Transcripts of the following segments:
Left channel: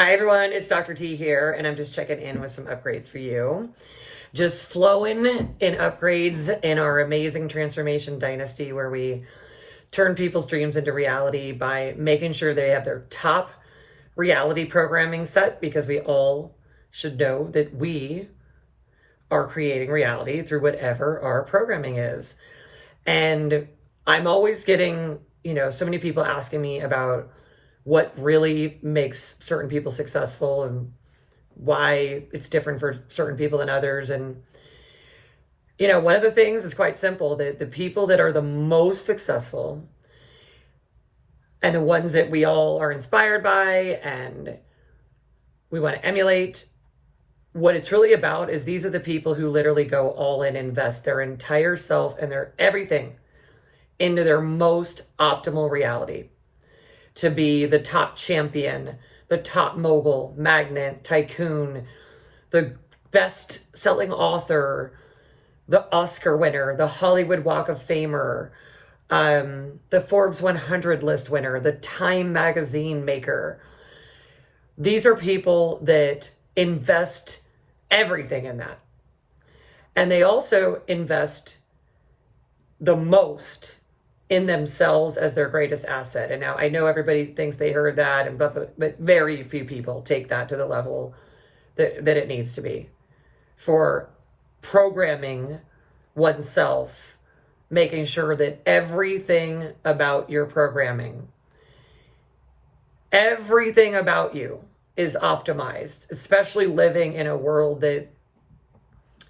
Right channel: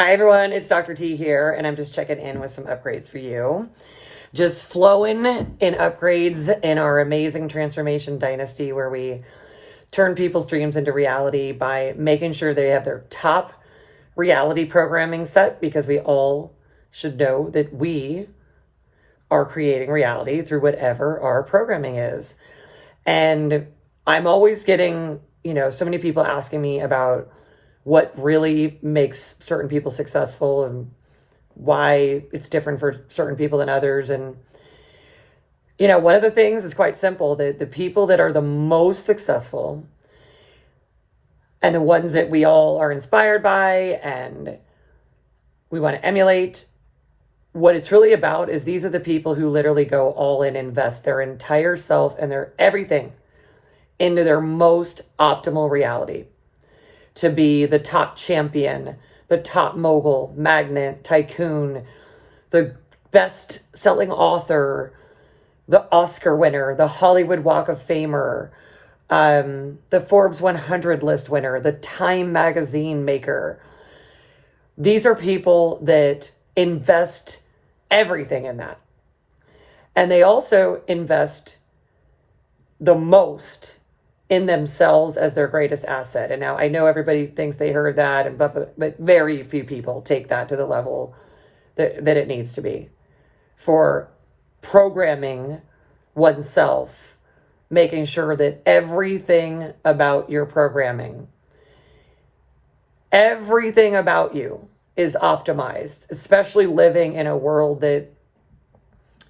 Hi everyone, it's Dr. T here, and I'm just checking in with some upgrades for you. Just flowing in upgrades in our amazing transformation dynasty where we turn people's dreams into reality by making sure they have their top reality programming set, because we all should know that we are creating reality through whatever our programming is. And I'm always getting, so many people asking me about what really makes certain people successful and why it's different for certain people than others. And, one of the things is quite simple, that the people that are the most successful and the ones that we all are inspired by and we want to emulate, what it's really about is these are the people who literally go all in, invest their entire self and their everything into their most optimal reality, to be the top champion, the top mogul, magnate, tycoon, the best-selling author, the Oscar winner, the Hollywood Walk of Famer, the Forbes 100 list winner, the Time magazine maker. These are people that invest everything in that. And they also invest the most in themselves as their greatest asset. And now I know everybody thinks they heard that, but very few people take that to the level that it needs to be for programming oneself, making sure that everything about your programming, everything about you is optimized, especially living in a world that,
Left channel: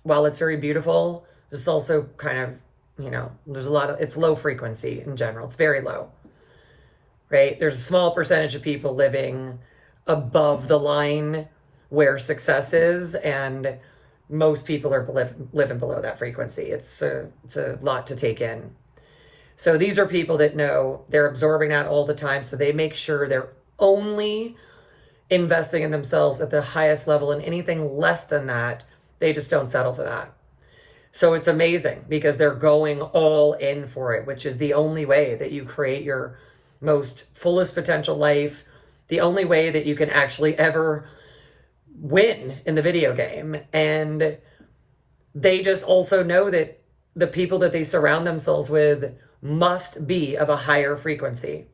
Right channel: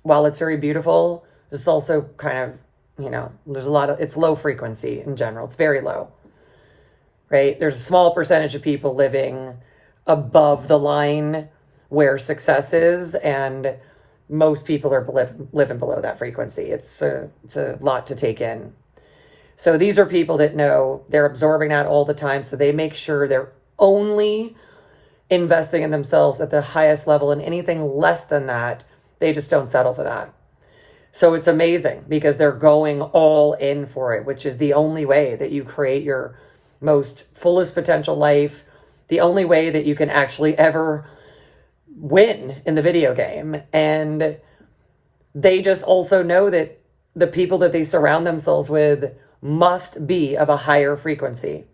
while it's very beautiful, is also kind of, there's a lot of, it's low frequency in general. It's very low, right? There's a small percentage of people living above the line where success is, and most people are living below that frequency. It's a lot to take in. So these are people that know they're absorbing that all the time. So they make sure they're only investing in themselves at the highest level, and anything less than that, they just don't settle for that. So it's amazing because they're going all in for it, which is the only way that you create your most fullest potential life, the only way that you can actually ever win in the video game. And they just also know that the people that they surround themselves with must be of a higher frequency.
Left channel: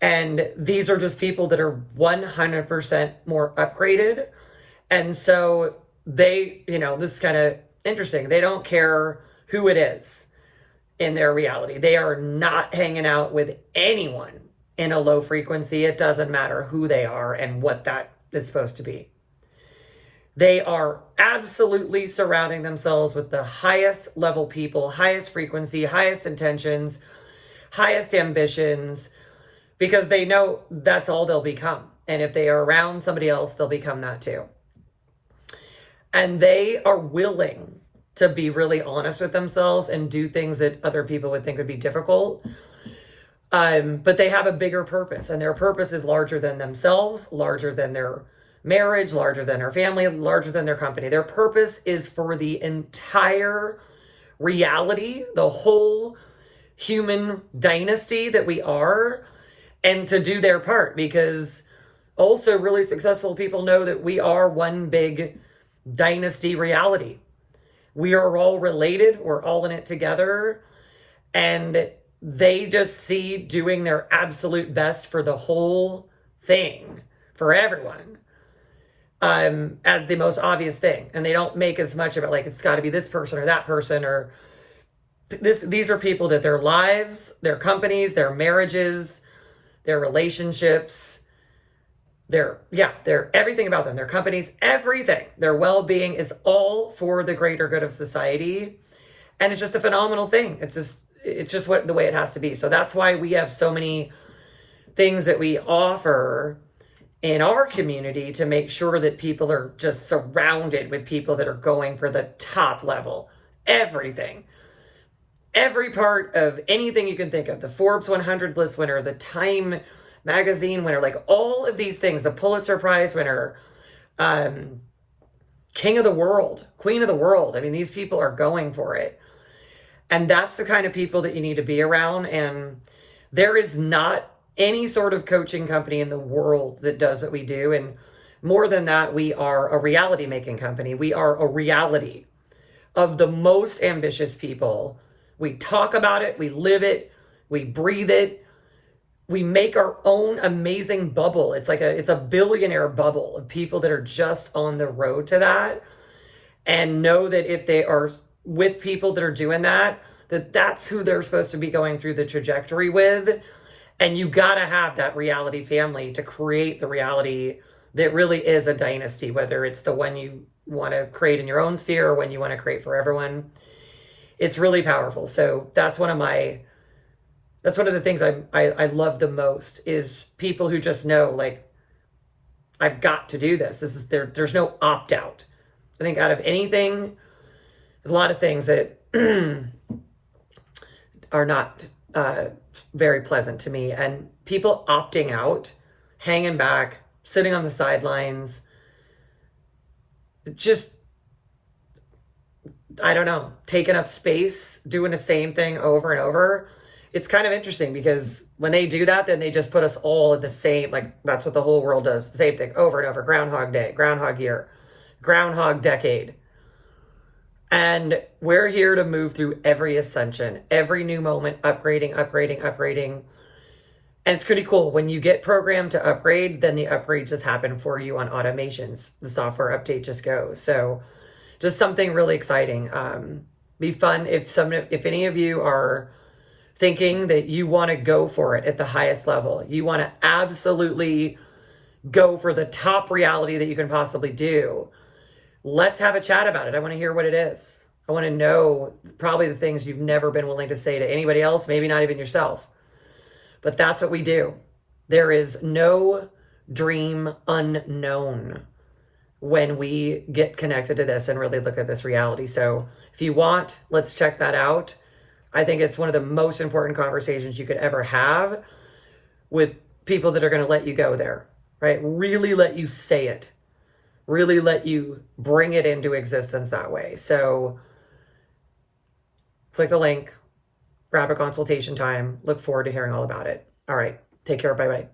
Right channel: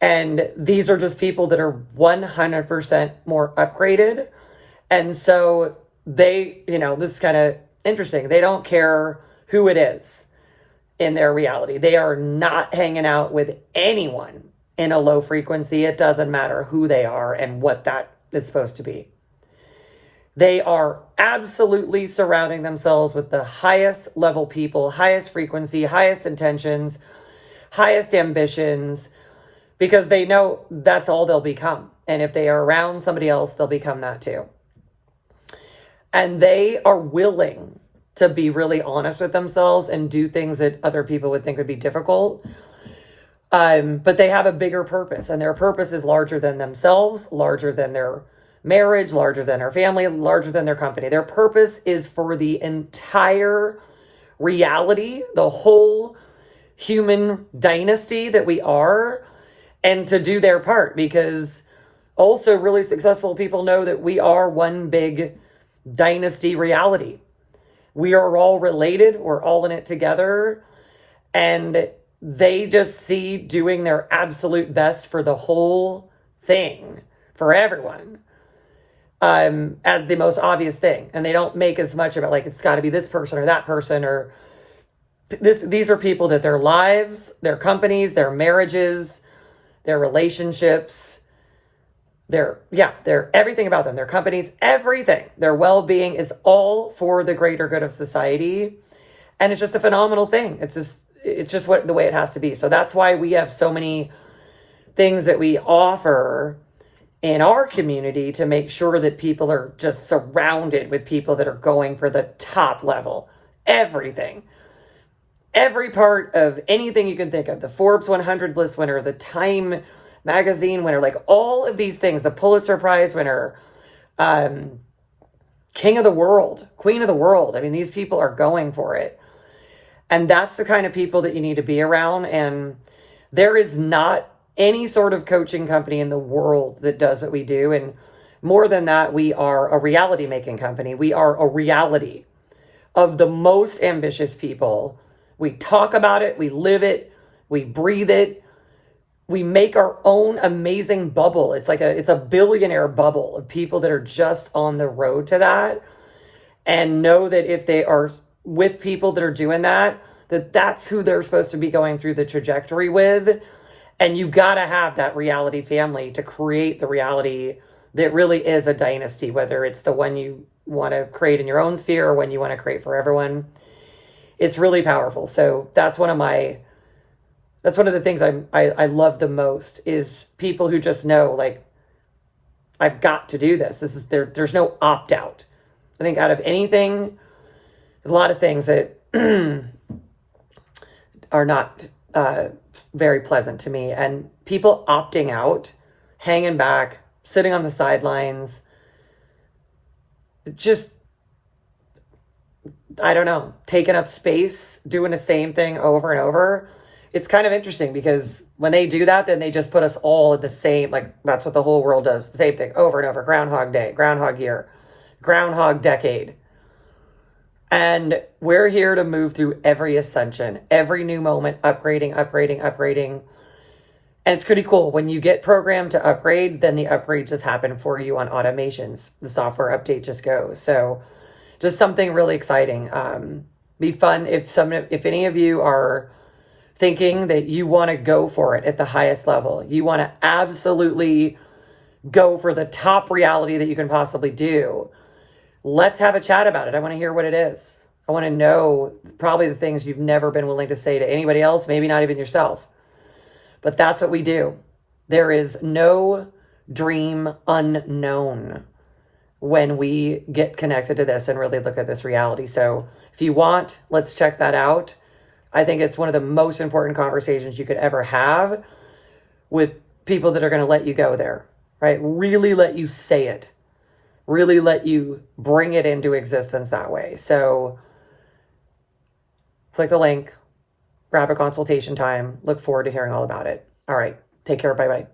And these are just people that are 100% more upgraded. And so they, this is kind of interesting. They don't care who it is in their reality. They are not hanging out with anyone in a low frequency. It doesn't matter who they are and what that is supposed to be. They are absolutely surrounding themselves with the highest level people, highest frequency, highest intentions, highest ambitions, because they know that's all they'll become. And if they are around somebody else, they'll become that too. And they are willing to be really honest with themselves and do things that other people would think would be difficult. But they have a bigger purpose, and their purpose is larger than themselves, larger than their marriage, larger than their family, larger than their company. Their purpose is for the entire reality, the whole human dynasty that we are, and to do their part, because also really successful people know that we are one big dynasty reality. We are all related. We're all in it together. And they just see doing their absolute best for the whole thing, for everyone, as the most obvious thing. And they don't make as much of it like it's got to be this person or that person or this. These are people that their lives, their companies, their marriages, their relationships, their everything about them, their companies, everything, their well-being is all for the greater good of society. And it's just a phenomenal thing. It's just the way it has to be. So that's why we have so many things that we offer in our community to make sure that people are just surrounded with people that are going for the top level, everything. Every part of anything you can think of, the Forbes 100 list winner, the Time magazine winner, like all of these things, the Pulitzer Prize winner, king of the world, queen of the world. I mean, these people are going for it. And that's the kind of people that you need to be around. And there is not any sort of coaching company in the world that does what we do. And more than that, we are a reality making company. We are a reality of the most ambitious people. We talk about it, we live it, we breathe it. We make our own amazing bubble. It's a billionaire bubble of people that are just on the road to that, and know that if they are with people that are doing that, that's who they're supposed to be going through the trajectory with. And you got to have that reality family to create the reality that really is a dynasty, whether it's the one you want to create in your own sphere or one you want to create for everyone. It's really powerful. So that's one of the things I love the most, is people who just know, like, I've got to do this. There's no opt out. I think out of anything, a lot of things that are not very pleasant to me, and people opting out, hanging back, sitting on the sidelines, just, I don't know, taking up space, doing the same thing over and over. It's kind of interesting because when they do that, then they just put us all in the same, like, that's what the whole world does. The same thing over and over. Groundhog Day, Groundhog Year, Groundhog Decade. And we're here to move through every ascension, every new moment, upgrading. And it's pretty cool. When you get programmed to upgrade, then the upgrade just happen for you on automations. The software update just goes. So just something really exciting. Be fun if any of you are thinking that you want to go for it at the highest level. You want to absolutely go for the top reality that you can possibly do. Let's have a chat about it. I want to hear what it is. I want to know probably the things you've never been willing to say to anybody else, maybe not even yourself. But that's what we do. There is no dream unknown when we get connected to this and really look at this reality. So if you want, let's check that out. I think it's one of the most important conversations you could ever have with people that are going to let you go there, right? Really let you say it. Really let you bring it into existence that way. So click the link, grab a consultation time. Look forward to hearing all about it. All right. Take care. Bye-bye.